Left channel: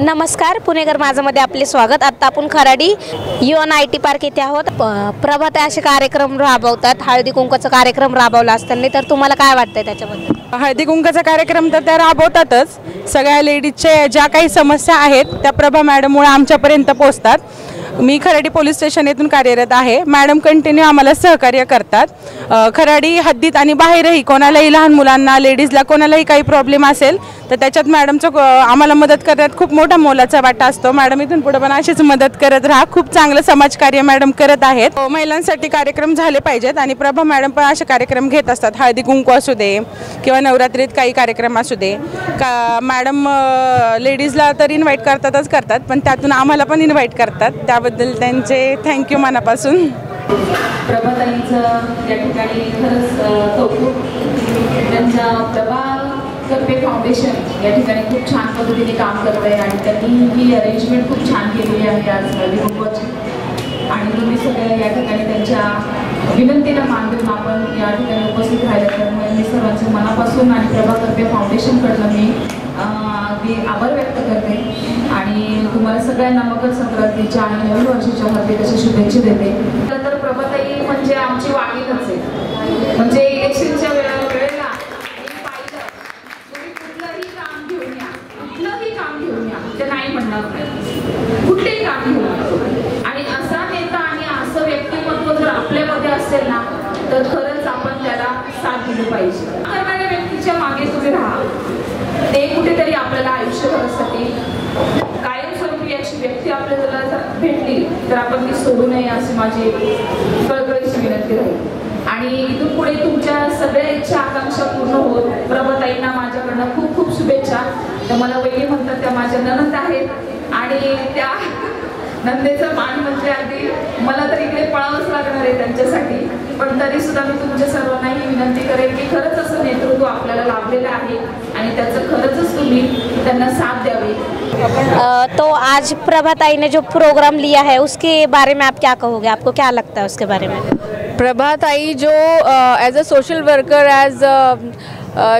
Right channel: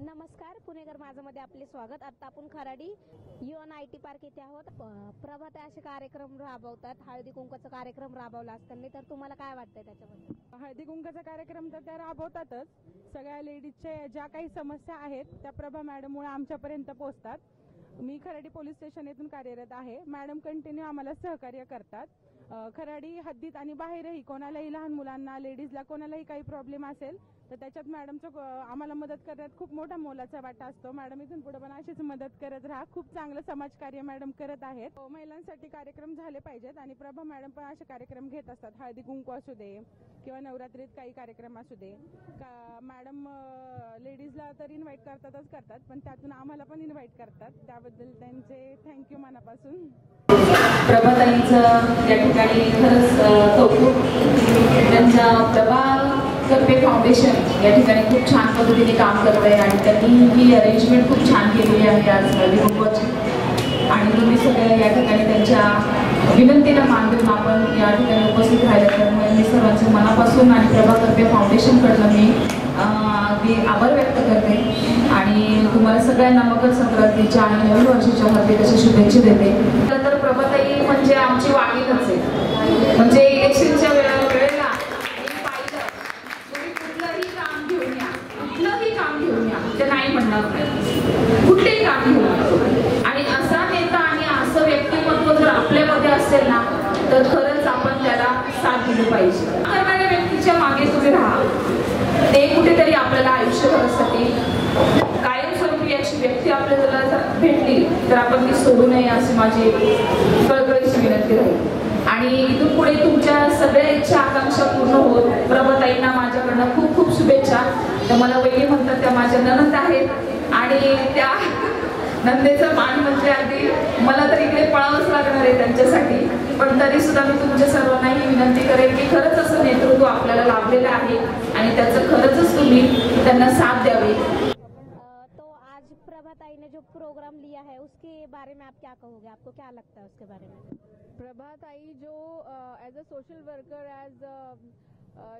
नमस्कार, पुणेकर माझामध्ये आपले स्वागत। आता आपण खराडी UNIT पार्क येथे आहोत। प्रभात असे कार्यक्रम राबवतात, हळदी कुंकूचा कार्यक्रम राबवला असताना, तर तुम्हाला काय वाटतंय त्याच्याबद्दल? हळदी कुंकूचा कार्यक्रम तर त्या राबवतातच। सगळ्या लेडीजच्या ज्या काही समस्या आहेत त्या प्रभा मॅडममुळे आमच्यापर्यंत पोहोचतात। मी खराडी पोलीस स्टेशन येथून कार्यरत आहे। मॅडम कंटिन्यू आम्हाला सहकार्य करतात। खराडी हद्दीत आणि बाहेरही कोणालाही, लहान मुलांना, लेडीजला कोणालाही काही प्रॉब्लेम असेल तर त्याच्यात मॅडमचं आम्हाला मदत करण्यात खूप मोठा मोलाचा वाटा असतो। मॅडम इथून पुढे पण अशीच मदत करत राहा। खूप चांगलं समाजकार्य मॅडम करत आहेत। महिलांसाठी कार्यक्रम झाले पाहिजेत आणि प्रभा मॅडम पण असे कार्यक्रम घेत असतात। हळदी कुंकू असू दे किंवा नवरात्रीत काही कार्यक्रम असू दे का, मॅडम लेडीजला तर इन्व्हाइट करतात, पण त्यातून आम्हाला पण इन्व्हाइट करतात। त्याबद्दल त्यांचे थँक्यू मनापासून। प्रभाताईंचं या ठिकाणी खरंच कौतुक। त्यांच्या प्रभा करपे फाउंडेशन या ठिकाणी खूप छान पद्धतीने काम करत आहे आणि त्यांनी ही अरेंजमेंट खूप छान केलेली आहे आज हळदी कुंकूची। आणि तुम्ही सगळे या ठिकाणी त्यांच्या विनंतीला मान देऊन आपण या ठिकाणी उपस्थित राहिले, त्यामुळे मी सर्वांचे मनापासून आणि प्रभा करपे फाउंडेशनकडनं मी आभार व्यक्त करते आणि तुम्हाला सगळ्यांना मकर संक्रांतीच्या आणि नवीन वर्षाच्या हार्दिक अशा शुभेच्छा देते। तर प्रभाताई म्हणजे आमची वाघीणच आहे। म्हणजे इलेक्शनच्या वेळेला तुम्ही कुठलंही काम घेऊन या, ते नाही म्हणणार नाही, कुठलेही काम घेऊन या। आणि असा नेता आणि असं व्यक्तिमत्व जर आपल्यामध्ये असेल ना, तर खरंच आपण त्याला साथ दिली पाहिजे। करणाऱ्या व्यक्तीच्या मागे तुम्ही राहा। ते कुठेतरी आपल्याला आयुष्यभरासाठी कायमस्वरूपी अशी व्यक्ती आपल्याला जर भेटली तर आपण ती सोडू नये अशी माझी कळकळीची विनंती राहील। आणि इथून पुढे तुमच्या सगळ्या इच्छा आकांक्षा पूर्ण होत। प्रभाताईंना माझ्याकडनं खूप खूप शुभेच्छा। त्या मला वहिनी म्हणतात, त्या माझ्या नणंद आहेत आणि त्या नंदेचं मान म्हणजे अगदी मला तर इकडे पळावंच लागणार आहे त्यांच्यासाठी, पण तरी सुद्धा मी तुमच्या सर्वांना ही विनंती करेन की खरंच असं नेतृत्व आपल्याला लाभलेलं आहे आणि त्याचं खरंच तुम्ही त्यांना साथ द्यावी। तो आज प्रभाताई ने जो प्रोग्राम लिया है उसके बारे में आप क्या कहोगे? आपको क्या लगता है उसके बारे में? प्रभाताई जो as a social worker, as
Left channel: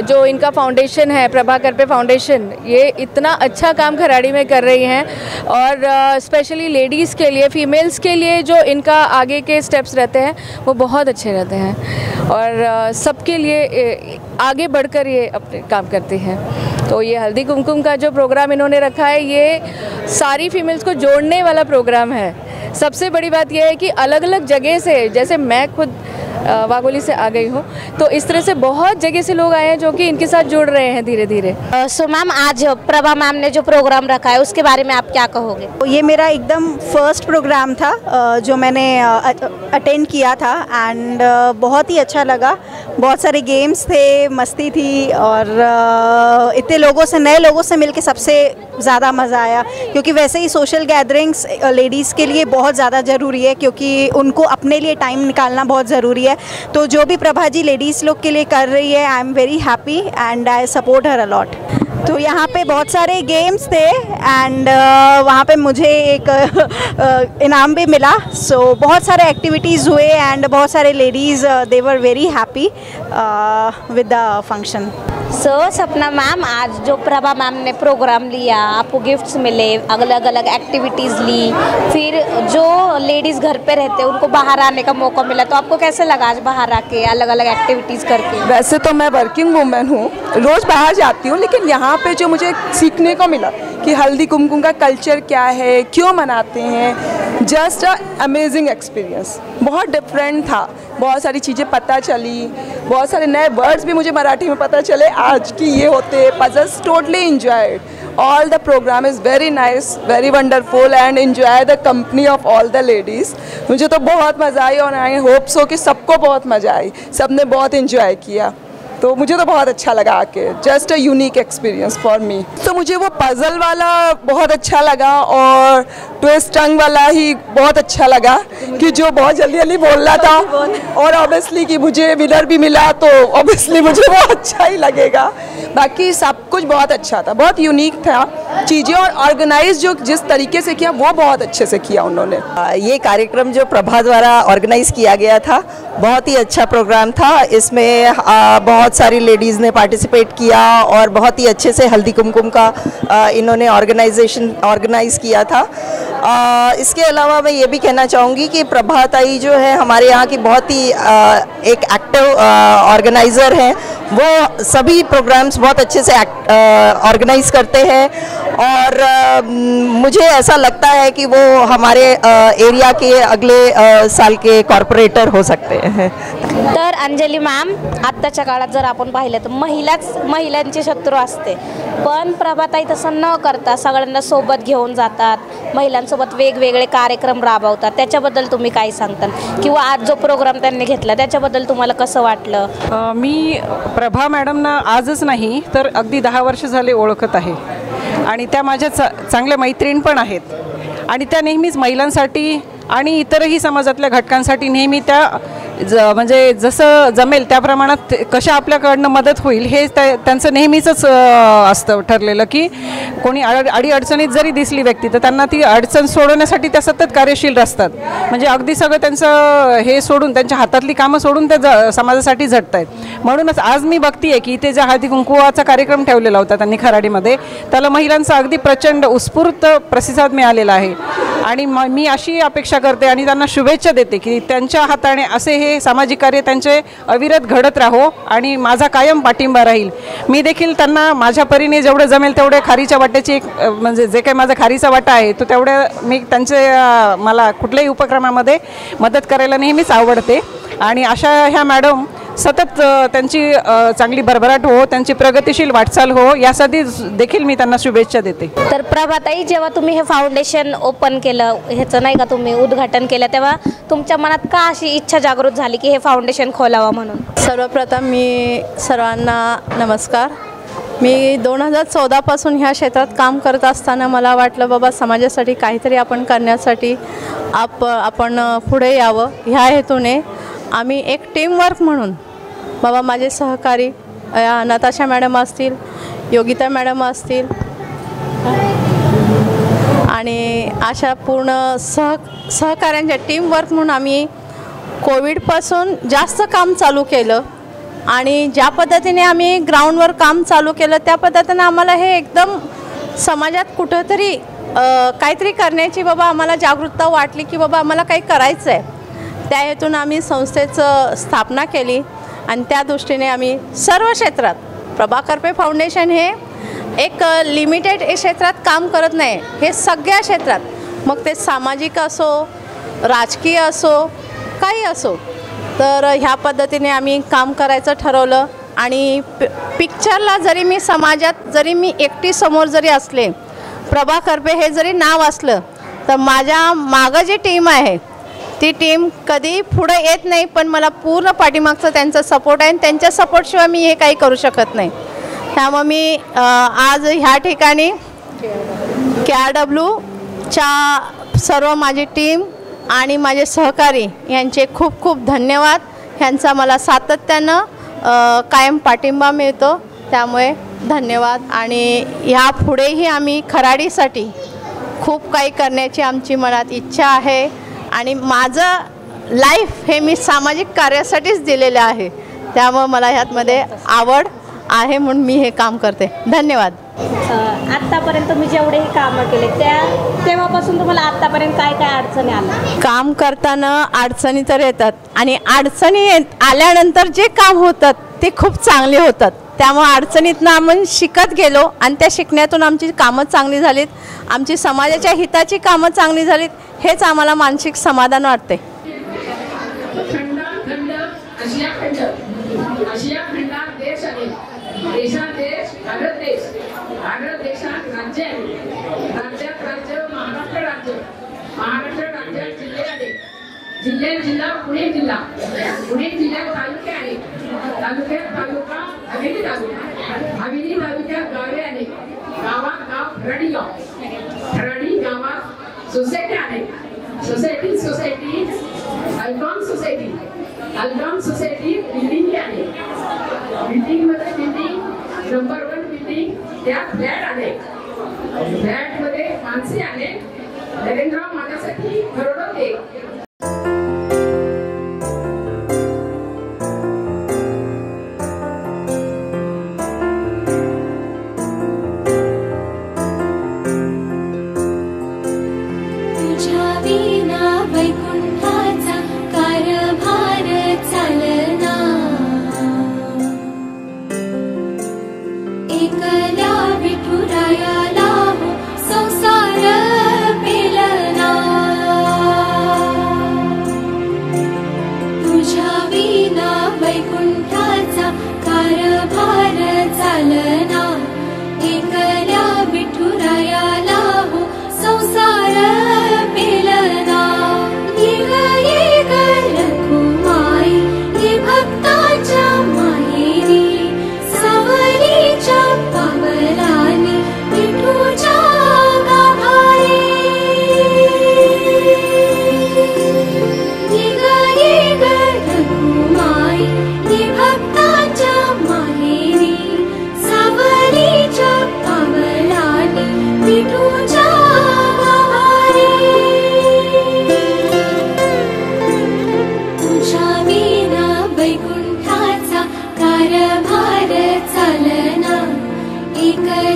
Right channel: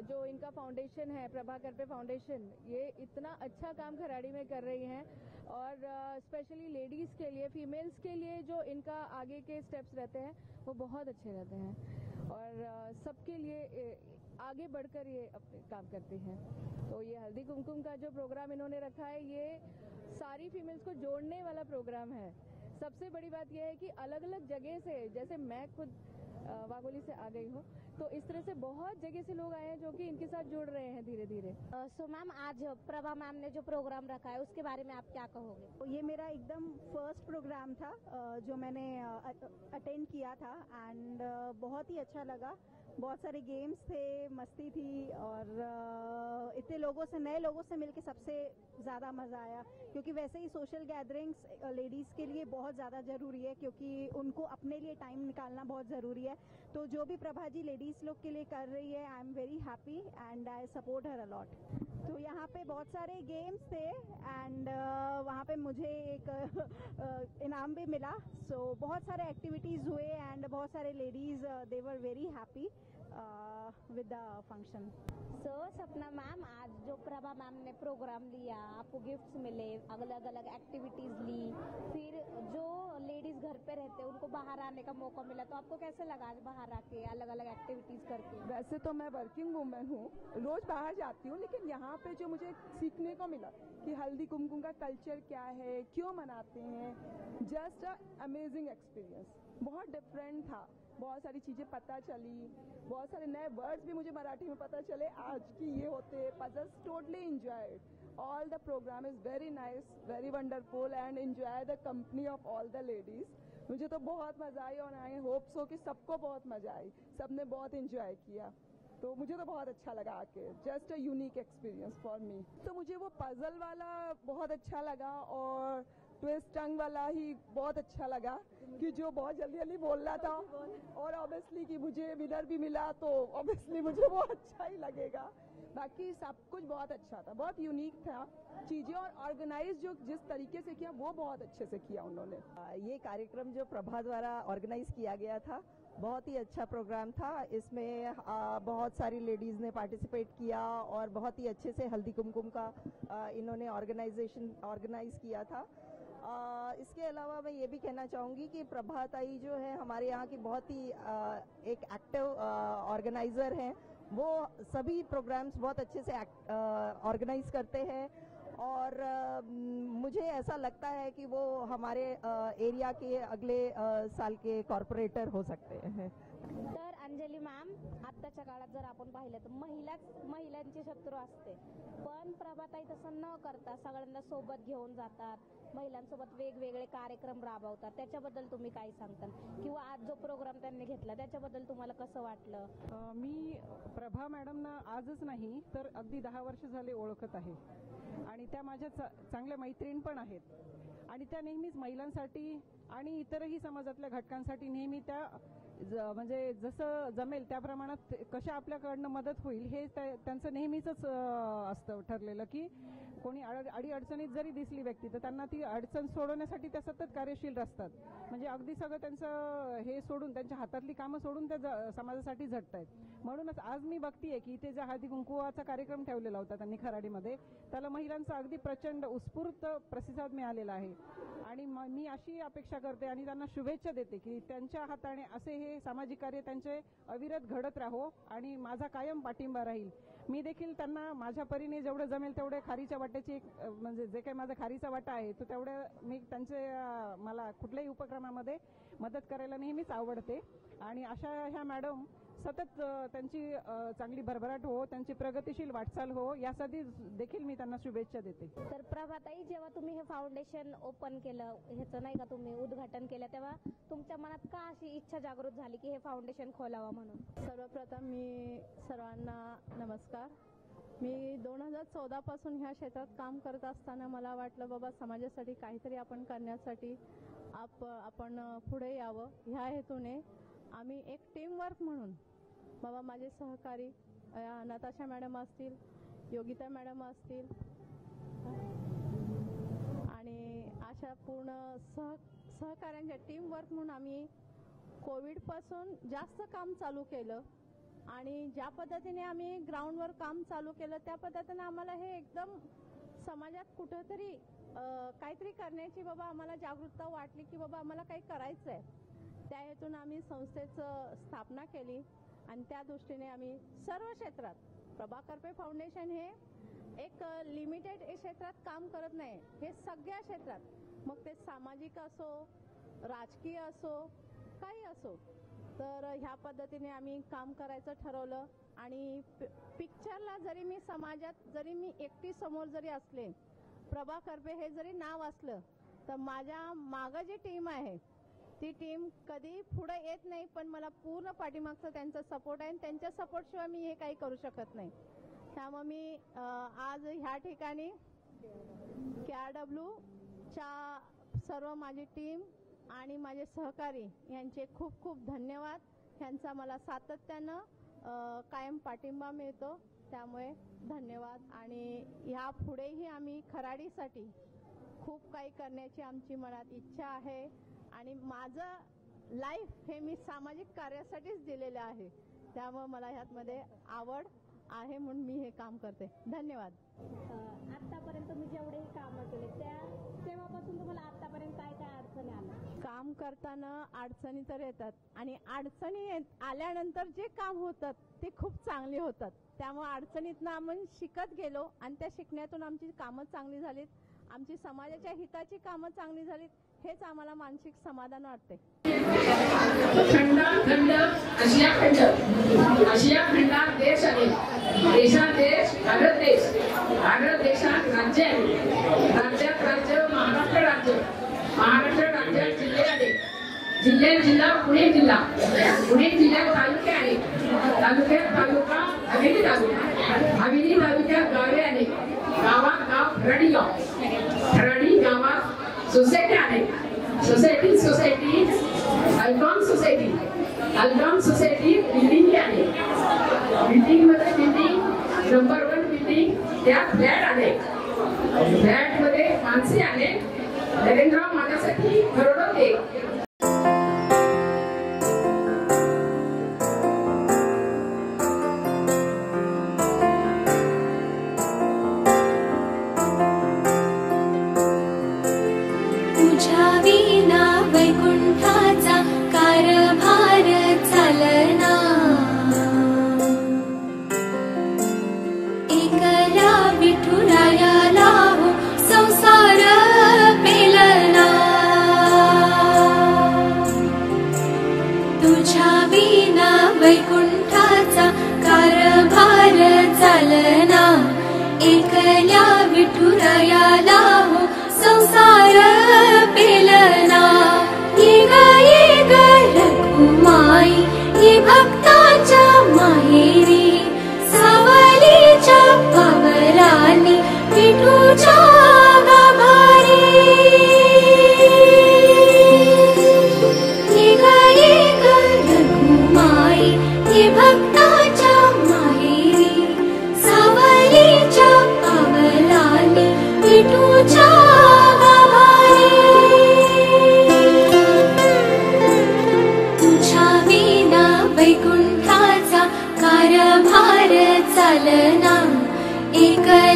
जो इनका फाउंडेशन है प्रभा करपे फाउंडेशन, ये इतना अच्छा काम खराड़ी में कर रही हैं और स्पेशली लेडीज़ के लिए, फीमेल्स के लिए जो इनका आगे के स्टेप्स रहते हैं वो बहुत अच्छे रहते हैं और सबके लिए आगे बढ़कर ये अपने काम करती हैं। तो ये हल्दी कुमकुम का जो प्रोग्राम इन्होंने रखा है, ये सारी फीमेल्स को जोड़ने वाला प्रोग्राम है। सबसे बड़ी बात यह है कि अलग अलग जगह से, जैसे मैं खुद वाघोली से आ गई हूँ, तो इस तरह से बहुत जगह से लोग आए हैं जो कि इनके साथ जुड़ रहे हैं धीरे धीरे। सो मैम, आज प्रभा मैम ने जो प्रोग्राम रखा है उसके बारे में आप क्या कहोगे? ये मेरा एकदम फर्स्ट प्रोग्राम था जो मैंने अटेंड किया था एंड बहुत ही अच्छा लगा। बहुत सारे गेम्स थे, मस्ती थी और इतने लोगों से, नए लोगों से मिलके सबसे ज़्यादा मज़ा आया, क्योंकि वैसे ही सोशल गैदरिंग्स लेडीज़ के लिए बहुत ज़्यादा ज़रूरी है, क्योंकि उनको अपने लिए टाइम निकालना बहुत ज़रूरी है। तो जो भी प्रभा जी लेडीज़ लोग के लिए कर रही है, I am very happy and I support her a lot. तो यहाँ पे बहुत सारे गेम्स थे एंड वहाँ पे मुझे एक इनाम भी मिला। सो बहुत सारे एक्टिविटीज़ हुए एंड बहुत सारे ladies they were very happy with the function. So Sapna ma'am, आज जो प्रभा मैम ने प्रोग्राम लिया, आपको गिफ्ट्स मिले, अलग अलग एक्टिविटीज़ ली, फिर जो लेडीज़ घर पे रहते हैं उनको बाहर आने का मौका मिला, तो आपको कैसे लगा आज बाहर आके अलग अलग एक्टिविटीज़ करके? वैसे तो मैं वर्किंग वूमेन हूँ, रोज़ बाहर जाती हूँ, लेकिन यहाँ पे जो मुझे सीखने को मिला कि हल्दी कुमकुम का कल्चर क्या है, क्यों मनाते हैं, जस्ट अ अमेजिंग एक्सपीरियंस। बहुत डिफरेंट था, बहुत सारी चीज़ें पता चली, बहुत सारे नए वर्ड्स भी मुझे मराठी में पता चले आज कि ये होते हैं। Puzzles totally enjoyed, all the program is very nice, very wonderful and enjoy the company of all the ladies। मुझे तो बहुत मज़ा आई और आई होप सो कि सबको बहुत मज़ा आई, सबने बहुत इंजॉय किया। तो मुझे तो बहुत अच्छा लगा आके, just a unique experience for me. तो मुझे वो पज़ल वाला बहुत अच्छा लगा और ट्विस्ट टंग वाला ही बहुत अच्छा लगा कि जो बहुत जल्दी जल्दी बोल रहा था, और ऑब्वियसली कि मुझे विनर भी मिला तो ऑब्वियसली मुझे वो अच्छा ही लगेगा। बाकी सब कुछ बहुत अच्छा था, बहुत यूनिक था चीज़ें, और ऑर्गेनाइज जो जिस तरीके से किया वो बहुत अच्छे से किया उन्होंने। ये कार्यक्रम जो प्रभा द्वारा ऑर्गेनाइज किया गया था बहुत ही अच्छा प्रोग्राम था। इसमें बहुत बहुत सारी लेडीज़ ने पार्टिसिपेट किया और बहुत ही अच्छे से हल्दी कुमकुम का इन्होंने ऑर्गेनाइज़ किया था। इसके अलावा मैं ये भी कहना चाहूँगी कि प्रभाताई जो है हमारे यहाँ की बहुत ही एक एक्टिव ऑर्गेनाइज़र हैं। वो सभी प्रोग्राम्स बहुत अच्छे से ऑर्गेनाइज करते हैं और मुझे ऐसा लगता है कि वो हमारे एरिया के अगले साल के कॉर्पोरेटर हो सकते हैं। तर अंजली मॅम, आत्ताच्या काळात जर आपण पाहिलं तर महिलांची शत्रू असते, पण प्रभाताई तसं न करता सगळ्यांना सोबत घेऊन जातात, महिलांसोबत वेगवेगळे कार्यक्रम राबवतात। त्याच्याबद्दल तुम्ही काय सांगताल किंवा आज जो प्रोग्राम त्यांनी घेतला त्याच्याबद्दल तुम्हाला कसं वाटलं? मी प्रभा मॅडमना आजच नाही तर अगदी 10 वर्ष झाले ओळखत आहे आणि त्या माझ्या चांगल्या मैत्रीण पण आहेत आणि त्या नेहमीच महिलांसाठी आणि इतरही समाजातल्या घटकांसाठी नेहमी त्या म्हणजे जसं जमेल त्या प्रमाणात कशा आपल्याकडनं मदत होईल हे त्यांचं नेहमीच असतं ठरलेलं की कोणी अडीअडचणीत जरी दिसली व्यक्ती तर त्यांना ती अडचण सोडवण्यासाठी त्या सतत कार्यशील असतात। म्हणजे अगदी सगळं त्यांचं हे सोडून त्यांच्या हातातली कामं सोडून त्या समाजासाठी झटत आहेत। म्हणूनच आज मी बघतीये की इथे ज्या हळदी कुंकवाचा कार्यक्रम ठेवलेला होता त्यांनी खराडीमध्ये त्याला महिलांचा अगदी प्रचंड उत्स्फूर्त प्रतिसाद मिळालेला आहे आणि मी अशी अपेक्षा करते आणि त्यांना शुभेच्छा देते की त्यांच्या हाताने असे हे सामाजिक कार्य त्यांचे अविरत घडत राहो आणि माझा कायम पाठिंबा राहील। मी देखील त्यांना माझ्या परीने जेवढे जमेल तेवढे खारीच्या वाट्याची म्हणजे जे काही माझा खारीचा वाटा आहे तो तेवढे मी त्यांचे मला कुठल्याही उपक्रमामध्ये मदत करायला नेहमीच आवडते आणि अशा ह्या मॅडम सतत त्यांची चांगली भरभराट हो, त्यांची प्रगतिशील वाटचाल हो यासाठी देखील मी त्यांना शुभेच्छा देते। तर प्रभाताई, जेव्हा तुम्ही हे फाउंडेशन ओपन केलं, ह्याचं नाही का तुम्ही उद्घाटन केलं, तेव्हा तुमच्या मनात का अशी इच्छा जागृत झाली की हे फाउंडेशन खोलावं म्हणून? सर्वप्रथम मी सर्वांना नमस्कार। मी 2014 पासून ह्या क्षेत्रात काम करत असताना मला वाटलं बाबा समाजासाठी काहीतरी आपण करण्यासाठी आपण पुढे यावं। ह्या हेतूने आम्ही एक टीमवर्क म्हणून बाबा माझे सहकारी नताशा मॅडम असतील, योगिता मॅडम असतील आणि अशा पूर्ण सहकाऱ्यांच्या टीमवर्क म्हणून आम्ही कोविडपासून जास्त काम चालू केलं आणि ज्या पद्धतीने आम्ही ग्राउंडवर काम चालू केलं त्या पद्धतीने आम्हाला हे एकदम समाजात कुठंतरी काहीतरी करण्याची बाबा आम्हाला जागरूकता वाटली की बाबा आम्हाला काही करायचं आहे। त्या हेतून आम्ही संस्थेचं स्थापना केली आणि त्या दृष्टीने आम्ही सर्व क्षेत्रात प्रभा करपे फाउंडेशन हे एक लिमिटेड क्षेत्रात काम करत नाही, हे सगळ्या क्षेत्रात, मग ते सामाजिक असो राजकीय असो काही असो, तर ह्या पद्धतीने आम्ही काम करायचं ठरवलं। आणि पिक्चरला जरी मी समाजात जरी मी एकटी समोर जरी असले, प्रभा करपे हे जरी नाव असलं तर माझ्या मागं जी टीम आहे ती टीम कधी पुढे येत नाही, पण मला पूर्ण पाठीमागचा त्यांचा सपोर्ट आहे आणि त्यांच्या सपोर्टशिवाय मी हे काही करू शकत नाही। त्यामुळे मी आज ह्या ठिकाणी KRWच्या सर्व माझी टीम आणि माझे सहकारी यांचे खूप खूप धन्यवाद। ह्यांचा मला सातत्यानं कायम पाठिंबा मिळतो, त्यामुळे धन्यवाद। आणि ह्यापुढेही आम्ही खराडीसाठी खूप काही करण्याची आमची मनात इच्छा आहे आणि माझं लाईफ हे मी सामाजिक कार्यासाठीच दिलेलं आहे, त्यामुळे मला ह्यातमध्ये आवड आहे म्हणून मी हे काम करते। धन्यवाद। आतापर्यंत तुम्ही जेवढे हे कामं केले तेव्हापासून तुम्हाला आतापर्यंत काय काय अडचणी आल्या? काम करताना अडचणी तर येतात आणि अडचणी आल्यानंतर जे काम होतात ते खूप चांगले होतात, त्यामुळे अडचणीतनं आम्ही शिकत गेलो आणि त्या शिकण्यातून आमची कामं चांगली झालीत, आमची समाजाच्या हिताची कामं चांगली झालीत, हेच आम्हाला मानसिक समाधान वाटते। आशिया खंडात देश आहे, देशात देश, भारत देश, भारत देशात राज्य आहे, राज्यात राज्य, महाराष्ट्र राज्य, महाराष्ट्र राज्यात जिल्हे आहे, जिल्ह्यात जिल्हा, पुणे जिल्हा, पुणे जिल्ह्यात तालुके आहे, तालुक्यात तालुका, हवेली तालुका, हवेली तालुक्यात गावे आहे, गावात गाव खराडी गाव, खराडी गावात सोसायटी आहे, सोसायटी अल्बॉन सोसायटी, अल्बॉन सोसायटी बिल्डिंग आहे, बिल्डिंग मध्ये बिल्डिंग नंबर 1 बिल्डिंग, त्यात फ्लॅट आहे, फ्लॅट मध्ये माणसे आहे, नरेंद्रराव माझ्यासाठी करोडो दे।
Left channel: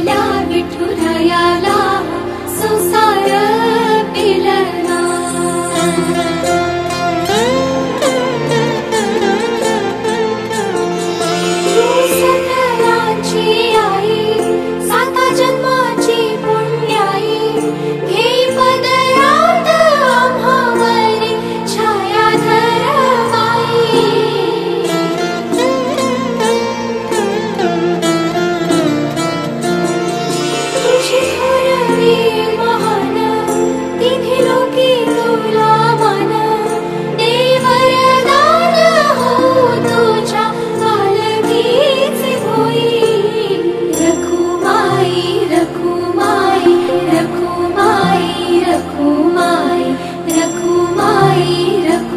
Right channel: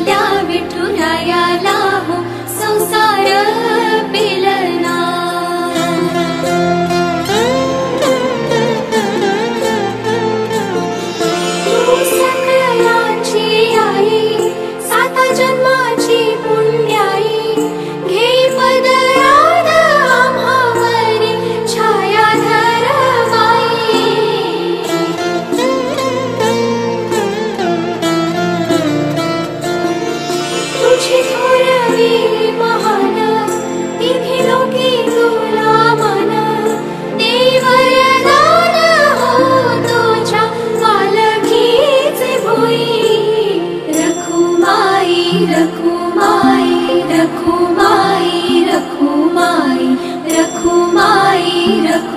आपल्या विठुरायाला हो संसार पेलना. सकलांची आई साता जन्माची पुण्याई घे पदरात आम्हावरी छायाधर माई. तुझी थोरवी महान तिन्ही लोकी तुला मन दे वरदान हो तुझ्या पालखीचे भोई. रखुमाई रखुमाई रखुमाई रखुमाई रखुमाई रखुमाई.